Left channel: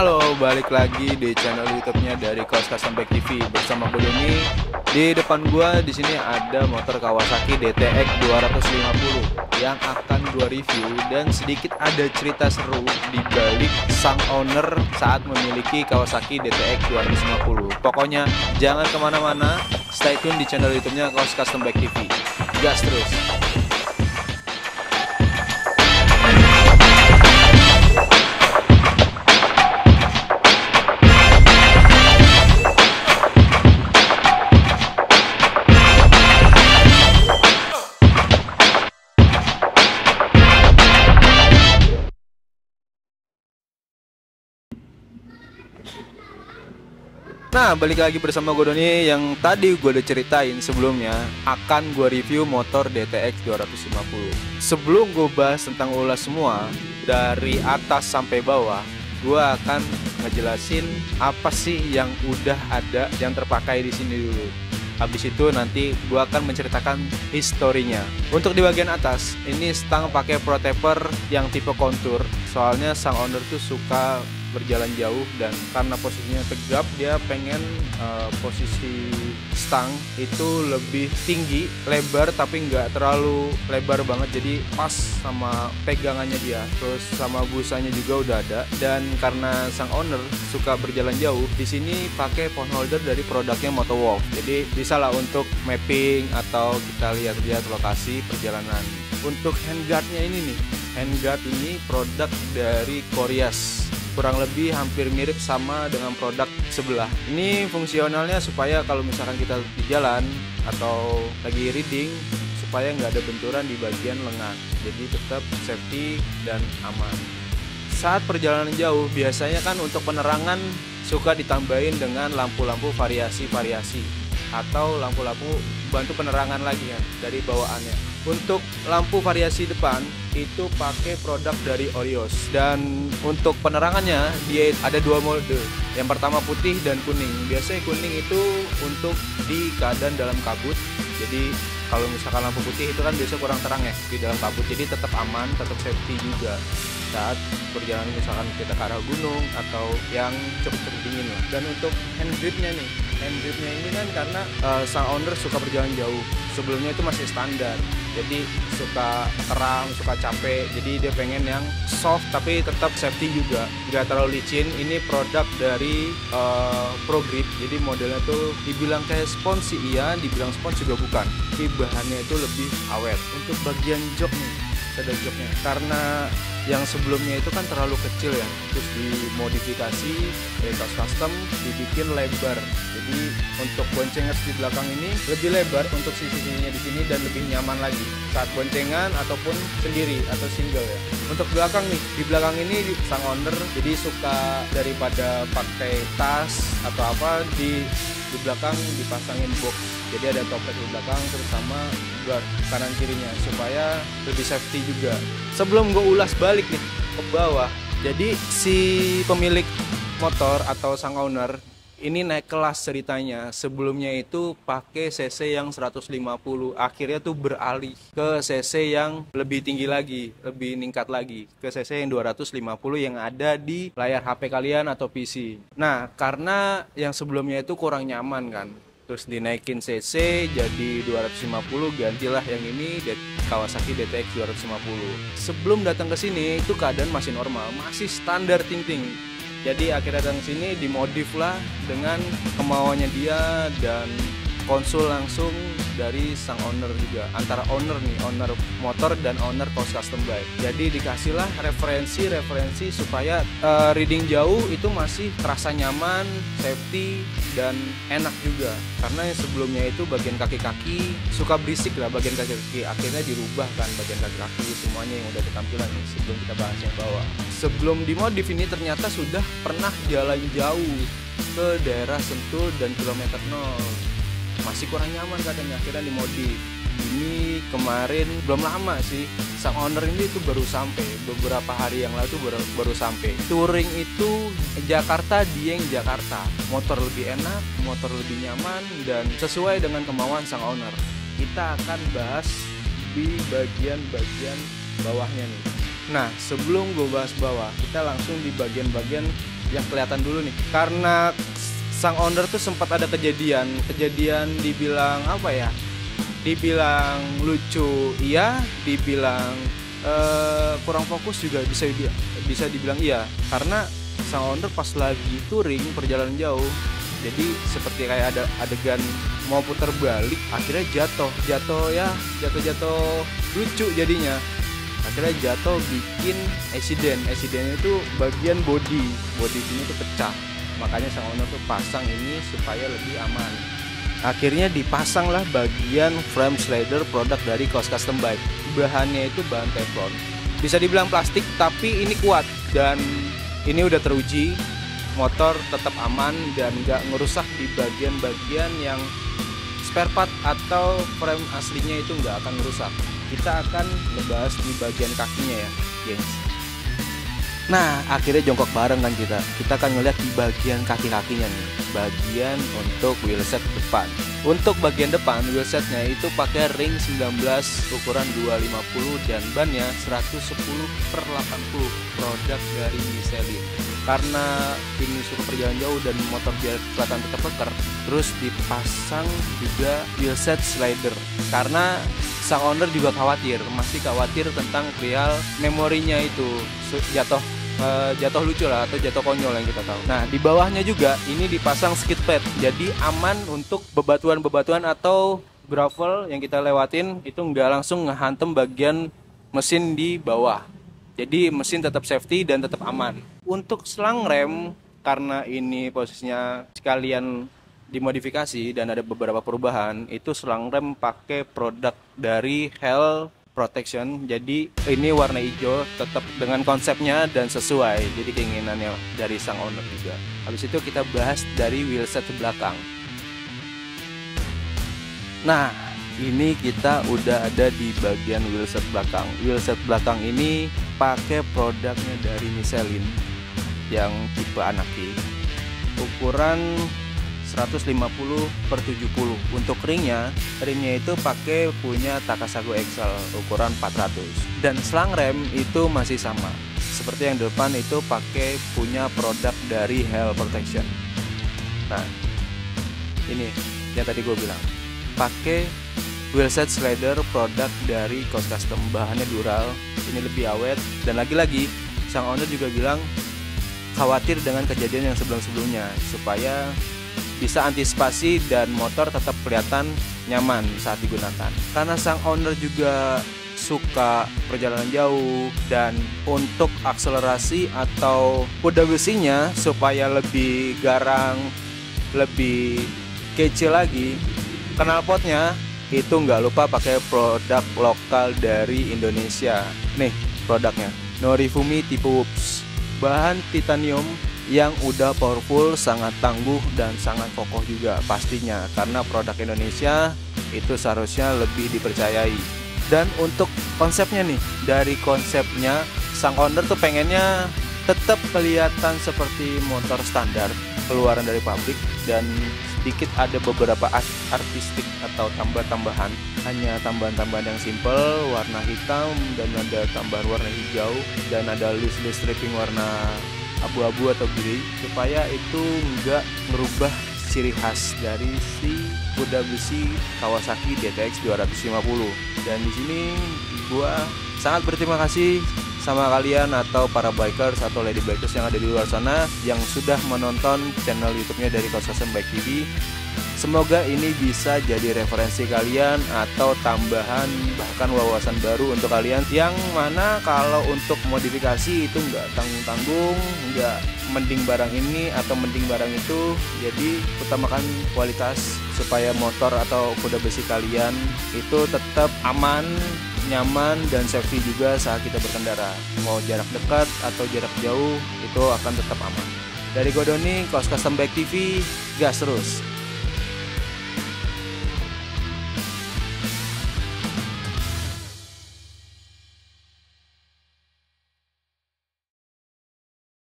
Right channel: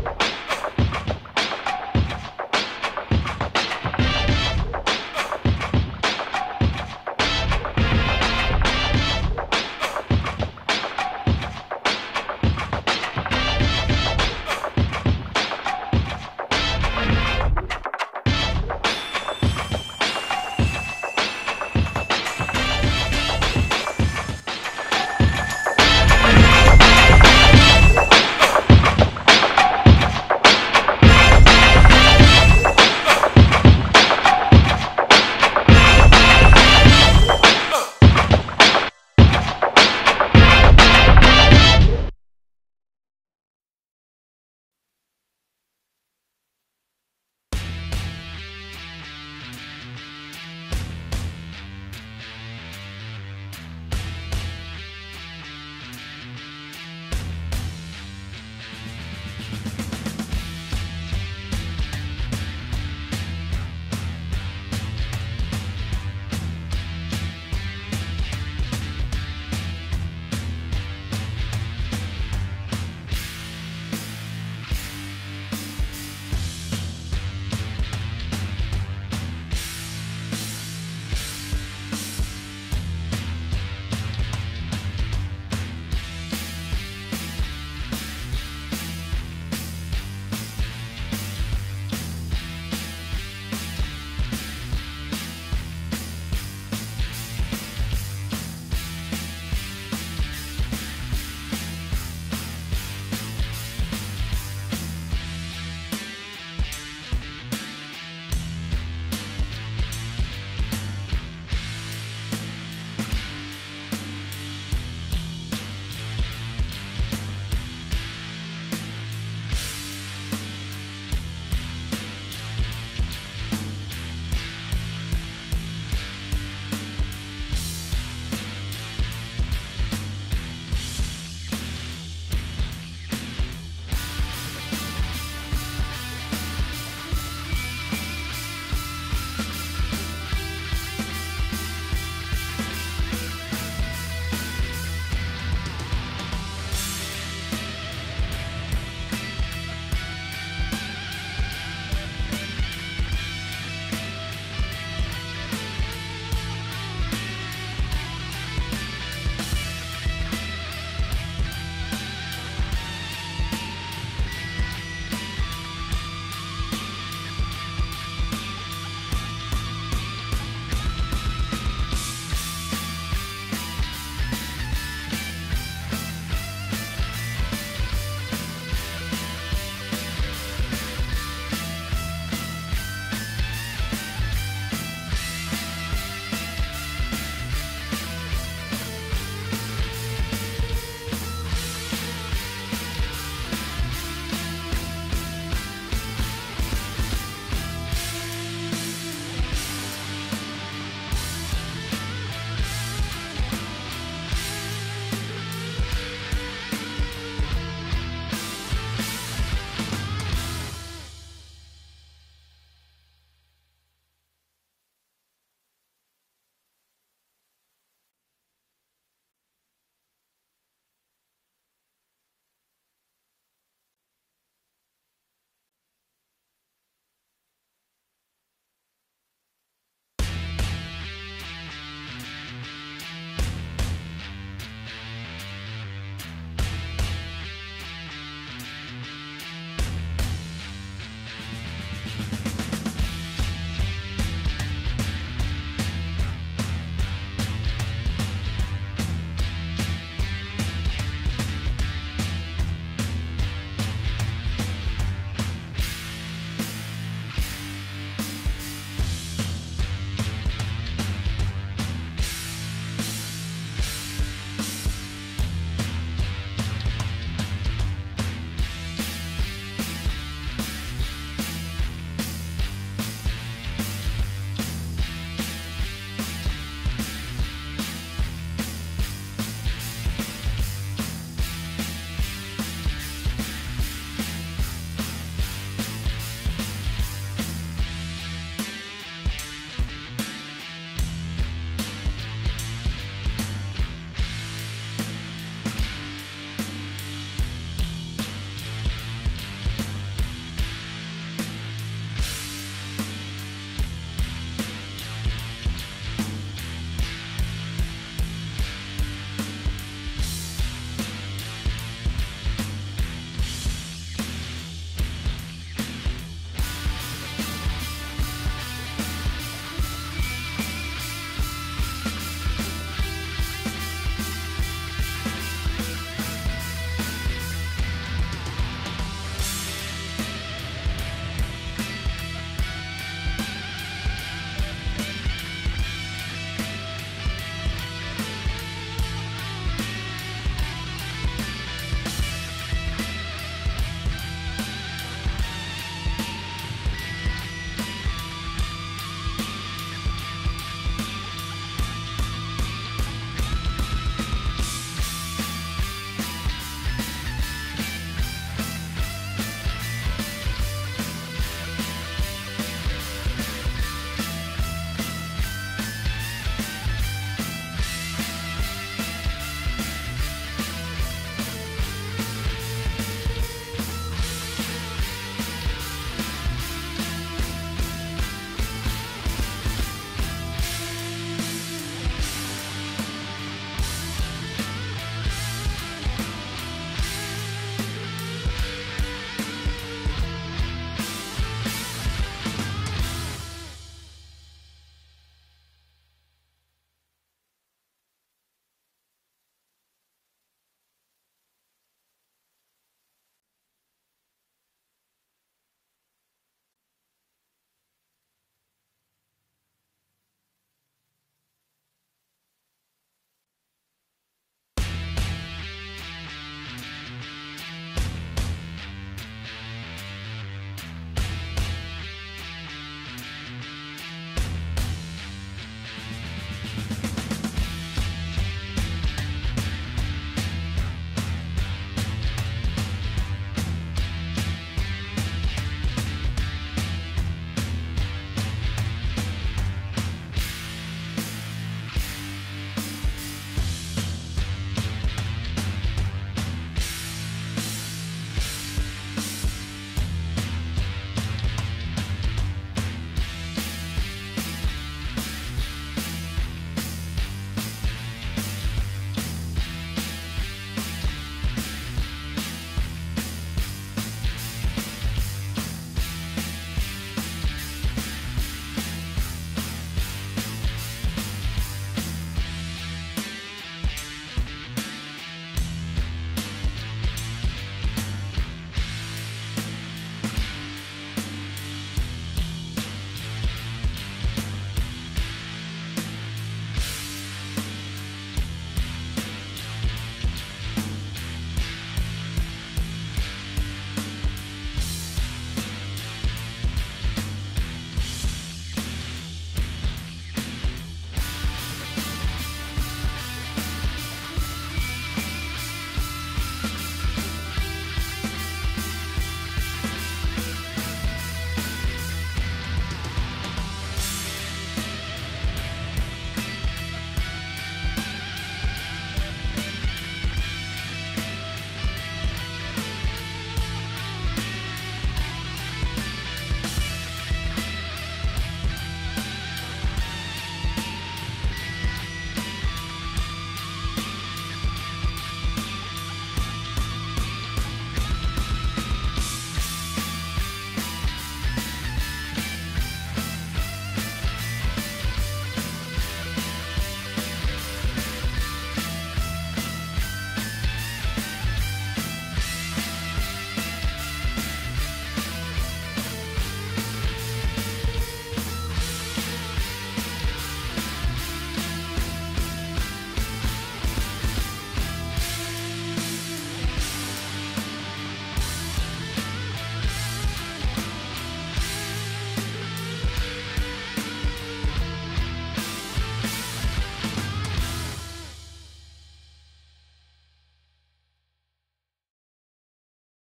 Halo, balik lagi di channel YouTube-nya dari Kaos Custom Bike TV bersama gue ini. Di depan gua di sini ada motor Kawasaki DTX 250 yang akan gua review, dan sedikit ada cerita seru di balik sang owner saat memiliki Kawasaki DTX 250. Pokoknya jangan kemana-mana, stay tune di channel YouTube-nya Kaos Custom Bike TV. Gas terus. Nah, balik lagi bersama gue Doni. Yang tadi gue udah ceritain sebelumnya akan gue review motor DTX 250. Sebelum gue bahas tentang ulas semua dari atas sampai bawah, gue akan ngejelasin apa sih yang udah ada, yang terpakai di sini dulu. Habis itu nanti gue akan menceritakan historinya. Untuk di bagian atas, ini stang pakai pro taper yang tipe kontur. Soalnya sang owner tuh suka berjalan jauh, dan karena posisinya tegap, dia pengen posisi stang itu lebih tinggi, lebar tapi nggak terlalu lebar banget, jadi pas sama pegangannya dia. Terus sama busanya juga udah ada, dan karena sang owner suka berjalan jauh, di sini pakai phone holder dari produknya Motowolf. Jadi bisa lah untuk mapping atau kita lihat-lihat lokasi perjalanan. Untuk handguardnya ini nih, handguard ini produk dari Koreas, kurang lebih hampir mirip sama dengan produk sebelah. Ini fungsionalnya supaya kalau misalkan kita jalan atau lagi reading, supaya nggak ada benturan di bagian lengan, jadi tetap safety dan aman. Saat perjalanan jauh, biasanya kan untuk penerangan suka ditambahin dengan lampu-lampu variasi-variasi atau lampu-lampu bantu penerangan lagi ya dari bawaannya. Untuk lampu variasi depan itu pakai produk dari Orios, dan untuk penerangannya dia ada dua mode. Yang pertama putih dan kuning. Biasanya kuning itu untuk di keadaan dalam kabut. Jadi kalau misalkan lampu putih itu kan biasa kurang terang ya di dalam kabut, jadi tetap aman, tetap safety juga saat perjalanan misalkan kita ke arah gunung atau yang cepet dingin. Dan untuk hand gripnya nih, hand gripnya ini kan karena sang owner suka berjalan jauh, sebelumnya itu masih standar, jadi suka terang, suka capek, jadi dia pengen yang soft tapi tetap safety juga, nggak terlalu licin. Ini produk dari Pro Grip, jadi modelnya tuh dibilang kayak spons sih iya, dibilang spons juga bukan, tapi bahannya itu lebih awet. Untuk bagian jok nih, ada joknya, karena yang sebelumnya itu kan terlalu kecil ya, terus dimodifikasi dari custom dibikin lebar. Jadi untuk boncengan di belakang ini lebih lebar untuk sisi-sisinya di sini, dan lebih nyaman lagi saat boncengan ataupun sendiri atau single ya. Untuk belakang nih, di belakang ini sang owner jadi suka daripada pakai tas atau apa, di belakang dipasangin box. Jadi ada topet di belakang terus sama guard kanan kirinya supaya lebih safety juga. Sebelum gue ulas balik nih ke bawah, jadi si pemilik motor atau sang owner ini naik kelas ceritanya. Sebelumnya itu pakai CC yang 150, akhirnya tuh beralih ke CC yang lebih tinggi lagi, lebih meningkat lagi ke CC yang 250 yang ada di layar HP kalian atau PC. Nah, karena yang sebelumnya itu kurang nyaman kan, terus dinaikin CC jadi 250, gantilah yang ini Kawasaki DTX 250. Sebelum datang ke sini itu keadaan masih normal, masih standar ting-ting. Jadi akhirnya datang sini dimodif lah dengan kemauannya dia, dan konsul langsung dari sang owner juga, antara owner nih, owner motor dan owner Kaos Custom Bike. Jadi dikasihlah referensi supaya reading jauh itu masih terasa nyaman, safety, dan enak juga. Karena yang sebelumnya itu bagian kaki-kaki suka berisik lah, bagian kaki-kaki akhirnya dirubah kan bagian kaki-kaki semuanya yang udah ketampilan nih. Sebelum kita bahas yang bawah, sebelum dimodif ini ternyata sudah pernah jalan jauh ke daerah Sentul dan kilometer 0, masih kurang nyaman katanya, akhirnya dimodif. Ini kemarin belum lama sih, sang owner ini tuh baru sampai beberapa hari yang lalu, baru sampai touring itu Jakarta. Dia yang Jakarta, motor lebih enak, motor lebih nyaman, dan sesuai dengan kemauan sang owner. Kita akan bahas di bagian bawahnya nih. Nah, sebelum gue bahas bawah, kita langsung di bagian-bagian yang kelihatan dulu nih. Karena sang owner tuh sempat ada kejadian dibilang apa ya? Dibilang lucu, iya, dibilang kurang fokus juga bisa dibilang iya. Karena sang owner pas lagi touring perjalanan jauh, jadi seperti kayak ada adegan mau putar balik, akhirnya jatuh lucu jadinya. Akhirnya jatuh bikin accidentnya itu bagian body ini tuh pecah, makanya sang owner tuh pasang ini supaya lebih aman. Akhirnya dipasanglah bagian frame slider produk dari Kaos Custom Bike. Bahannya itu bahan teflon, bisa dibilang plastik tapi ini kuat dan ini udah teruji, motor tetap aman dan nggak ngerusak di bagian-bagian yang spare part atau frame aslinya itu nggak akan merusak. Kita akan membahas di bagian kakinya ya, guys. Nah, akhirnya jongkok bareng kan kita akan ngeliat di bagian kaki-kakinya nih, bagian untuk wheelset depan. Untuk bagian depan wheelsetnya itu pakai ring 19 ukuran 250 dan bannya 110/80 produk dari Michelin. Karena ini sudah perjalanan jauh dan motor biar kelihatan puter-puter, terus dipasang juga wheelset slider karena sang owner juga masih khawatir tentang real memorinya itu jatuh lucu lah atau jatuh konyol yang kita tahu. Nah, di bawahnya juga ini dipasang skid pad, jadi aman untuk bebatuan atau gravel yang kita lewatin itu nggak langsung ngehantem bagian mesin di bawah. Jadi mesin tetap safety dan tetap aman. Untuk selang rem, karena ini posisinya sekalian dimodifikasi dan ada beberapa perubahan, itu selang rem pakai produk dari Hell Protection. Jadi ini warna hijau, tetap dengan konsepnya dan sesuai, jadi keinginannya dari sang owner juga. Habis itu kita bahas dari wheelset belakang. Nah, ini kita udah ada di bagian wheelset belakang. Wheelset belakang ini pakai produknya dari Michelin yang tipe Anaki, ukuran 150/70. Untuk ringnya itu pakai punya Takasago XL ukuran 400. Dan selang rem itu masih sama, seperti yang depan itu pakai punya produk dari Hell Protection. Nah, ini yang tadi gue bilang, pakai wheelset slider produk dari Kaos Custom, bahannya dural, ini lebih awet. Dan lagi-lagi sang owner juga bilang khawatir dengan kejadian yang sebelumnya supaya bisa antisipasi dan motor tetap kelihatan nyaman saat digunakan. Karena sang owner juga suka perjalanan jauh dan untuk akselerasi atau kuda besinya supaya lebih garang, lebih kece lagi, knalpotnya itu nggak lupa pakai produk lokal dari Indonesia. Nih produknya, Norifumi tipe Whoops, bahan titanium yang udah powerful, sangat tangguh dan sangat kokoh juga pastinya, karena produk Indonesia itu seharusnya lebih dipercayai. Dan untuk konsepnya nih, dari konsepnya sang owner tuh pengennya tetap kelihatan seperti motor standar keluaran dari pabrik, dan sedikit ada beberapa artistik atau tambahan, hanya tambahan-tambahan yang simple, warna hitam dan ada tambahan warna hijau, dan ada loose stripping warna abu-abu atau biru, supaya itu enggak merubah ciri khas dari si kuda besi Kawasaki DTX 250. Dan di sini gua sangat berterima kasih sama kalian atau para bikers atau lady bikers yang ada di luar sana yang sudah menonton channel YouTube-nya dari Kaos Custom Bike TV. Semoga ini bisa jadi referensi kalian atau tambahan bahkan wawasan baru untuk kalian, yang mana kalau untuk modifikasi itu nggak tanggung-tanggung, nggak mending barang ini atau mending barang itu. Jadi utamakan kualitas supaya motor atau kuda besi kalian itu tetap aman, nyaman, dan safety juga saat kita berkendara. Mau jarak dekat atau jarak jauh itu akan tetap aman. Dari gue Doni, Kaos Custom Bike TV, gas terus.